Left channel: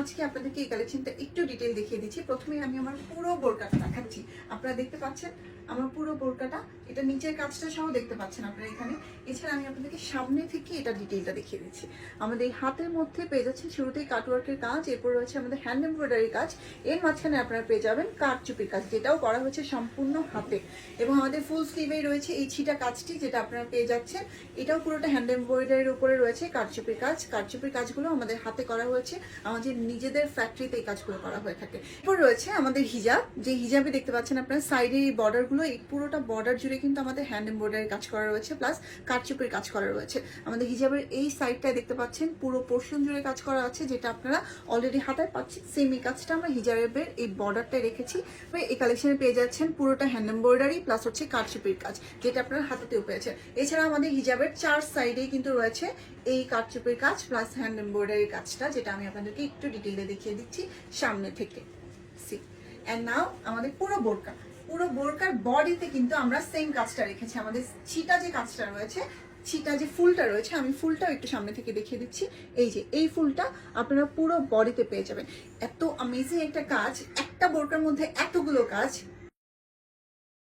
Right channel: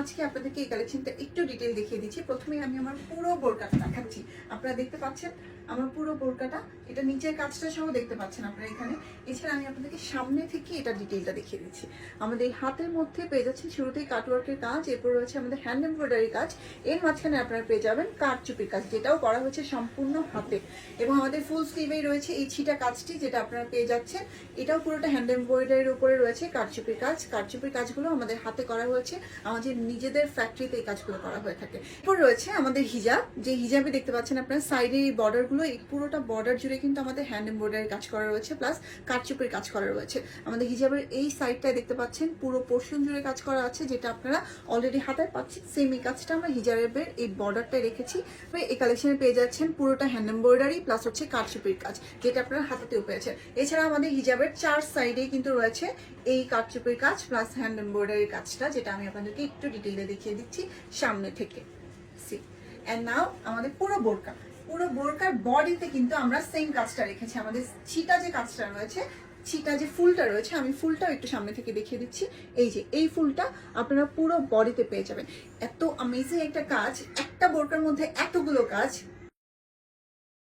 আজকে আপনাদেরকে এই কালেকশনটা একটু ডিটেল দেখিয়ে দিচ্ছি। প্রথমে আমি আমার পুরো বোরকাটা দেখাচ্ছি আপনারা দেখতে পাচ্ছেন, আমার পুরো বোরকাটা, এটা নিচের কাজটা সহ দেখতে পাচ্ছেন আপনারা এখানে। এছাড়া আমি আপনাদেরকে সামনে থেকে এটা ডিটেলটা দেখিয়ে দিচ্ছি। আমাদের হাতের মধ্যে পেয়ে যাচ্ছেন শুরুতেই কাটওয়ার্কের কাজ, এরপর রয়েছে আমাদের হ্যান্ড এমব্রয়ডারি কাজ। এর মাঝখানে আপনারা পেয়ে যাবেন কাঠচুপির কাজ, যেটাও করা হয়েছে সম্পূর্ণ হাতে। আমাদের ফুল স্লিভে রয়েছে এই ছিটা কাজটি যেটা আপনারা পেয়ে যাচ্ছেন। এটাও পুরোটা হ্যান্ড এমব্রয়ডারির উপরে রয়েছে কাঠচুপির কাজ কাঠচুপির কাজগুলো আমাদের হাতে করা হয়েছে। আমাদের নিজেদের ফ্যাক্টরিতে এই কাজগুলো করা হয়ে থাকে। এরপর রয়েছে আমাদের হিজাব। যে হিজাবে দেখতে পাচ্ছেন আপনারা সাইডে এই বর্ডারগুলো এই পুরোটা বর্ডার জুড়ে কিন্তু আমাদের হ্যান্ড এমব্রয়ডারি কাজ করা রয়েছে প্লাস কাঠচুপির কাজ করা রয়েছে। আমাদের হিজাবের এই সাইডটা দেখতে পাচ্ছেন, পুরো পোর্শন জুড়ে কাজ করা আছে, যেটা আপনারা অলরেডি হাতে পাচ্ছেন। সেম এই কাজটা আমরা হিজাবের এই বর্ডারটা রেখেছি। এই কালেকশনে পেয়ে যাচ্ছেন পুরোটা হ্যান্ড এমব্রয়ডারি প্লাস হচ্ছে কাঠচুপির কাজ, যেটা আপনারা হাতেতেও পেয়েছেন এছাড়া আমাদের হিজাবের চার সাইডে কিন্তু রয়েছে এই কাঠচুপির কাজ প্লাস হ্যান্ড এমব্রয়ডারি কাজটা, যেটা আমি আপনাদেরকে একটু ডিটেইলে দেখিয়ে দিচ্ছি সামনে থেকে। নাও আমাদের পুরো বোরকা। পুরো বোরকার বডিতে কিন্তু আমরা সেম কাজটা রেখেছি। আমাদের ছিটা যে কাজটা রয়েছে, ছিটা যে ফুলটা রয়েছে, আমি ফুলটা একটু সামনে থেকে দেখিয়ে দিচ্ছি। এই যে, এই ফুলটা আপনারা পুরো বডিতে পেয়ে যাবেন। এত অ্যামেজিং একটা কাজ, একটা বোরকার মধ্যে এতগুলো কাজ